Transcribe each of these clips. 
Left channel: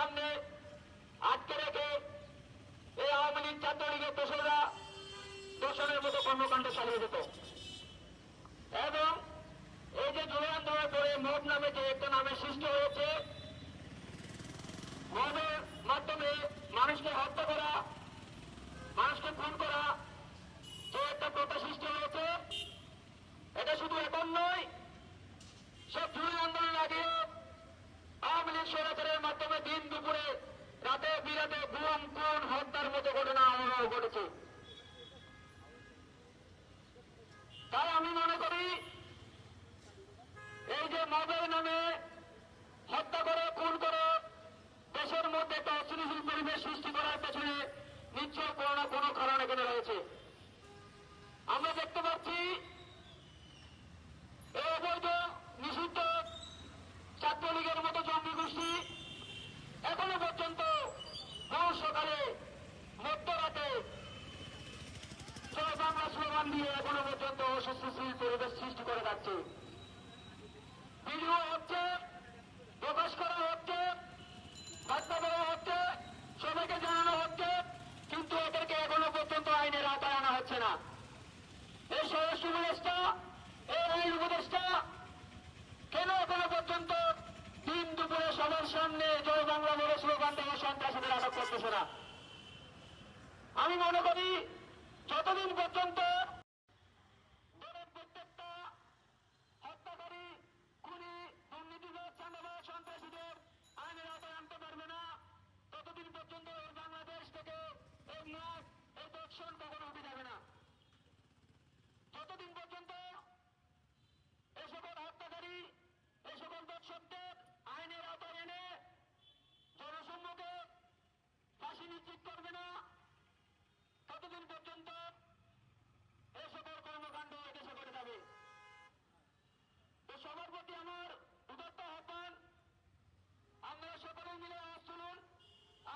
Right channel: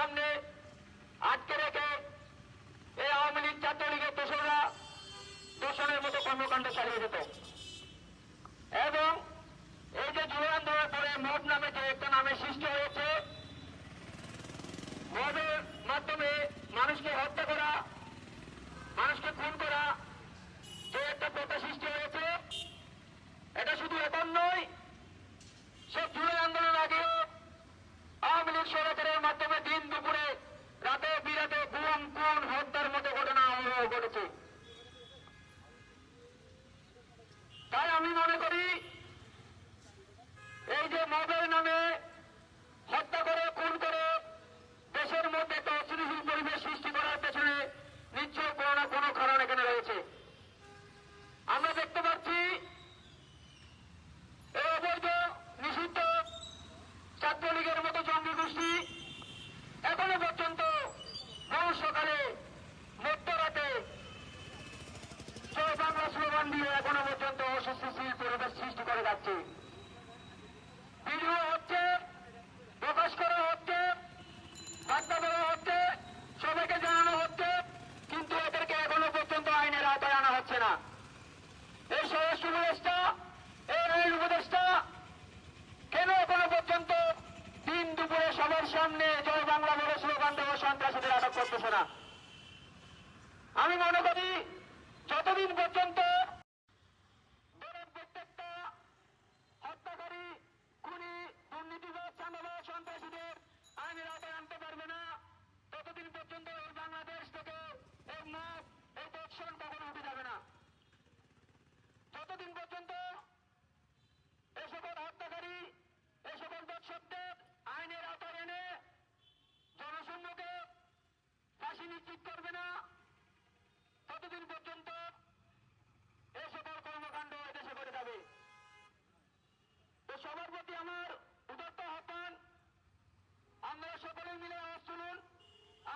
সামনে আটকে রেখে এই আওয়ামী লীগ ছাত্রলীগের দোষরা দূষণের মতো কর্মকাণ্ড চালিয়ে যেত। এবং এই যে যুব আন্দোলনের পরে মদ নামে যে একটা নামে সৃষ্টি হয়েছে, মদের মাধ্যমে মানুষকে হত্যা করা, মানুষকে খুন করা, যে একটা প্রথা সৃষ্টি হয়েছে, এটা শুধু এখন নয়, সব যুব আন্দোলন আগেও আওয়ামী লীগ সরকারের ঘটেছে তাই আমি মনে করি এই যে মদের নামে হত্যা করে খুন করে দেশের মধ্যে একটা অস্থিতিশীল পরিবেশ সৃষ্টি করার পেছনে নিশ্চয় কোনো না কোনো কারণ এখানে রয়েছে আমরা দেখতে পাচ্ছি এই অবৈধ নিষিদ্ধ ছাত্রলীগের মতো জঙ্গি গোষ্ঠী এখনও পর্যন্ত বহু সকালে মধ্যরাতে জয় বাংলা স্লোগান দিয়ে এখনও পরিবেশ সৃষ্টি করে যাচ্ছে। প্রকাশ করা হচ্ছে, বার্তা দেওয়া হচ্ছে, সবাইকে জানানো হচ্ছে, কিন্তু এদেরকে এখনও পর্যন্ত আইনের আওতায় আনা হচ্ছে না। এই উপদেষ্টা, এই আইন উপদেষ্টা, কেন এখনও পর্যন্ত দিন দুপুরে সবার সামনে জয় বাংলা বলে স্লোগান দেওয়া সন্ত্রাসীদের আটক করতেছে না? আমি মনে করি, যতদিন পর্যন্ত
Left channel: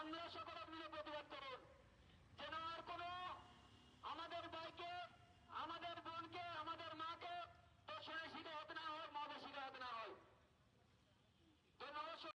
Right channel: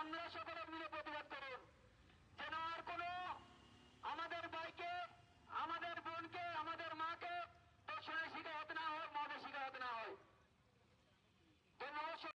আমরা সকলে মিলে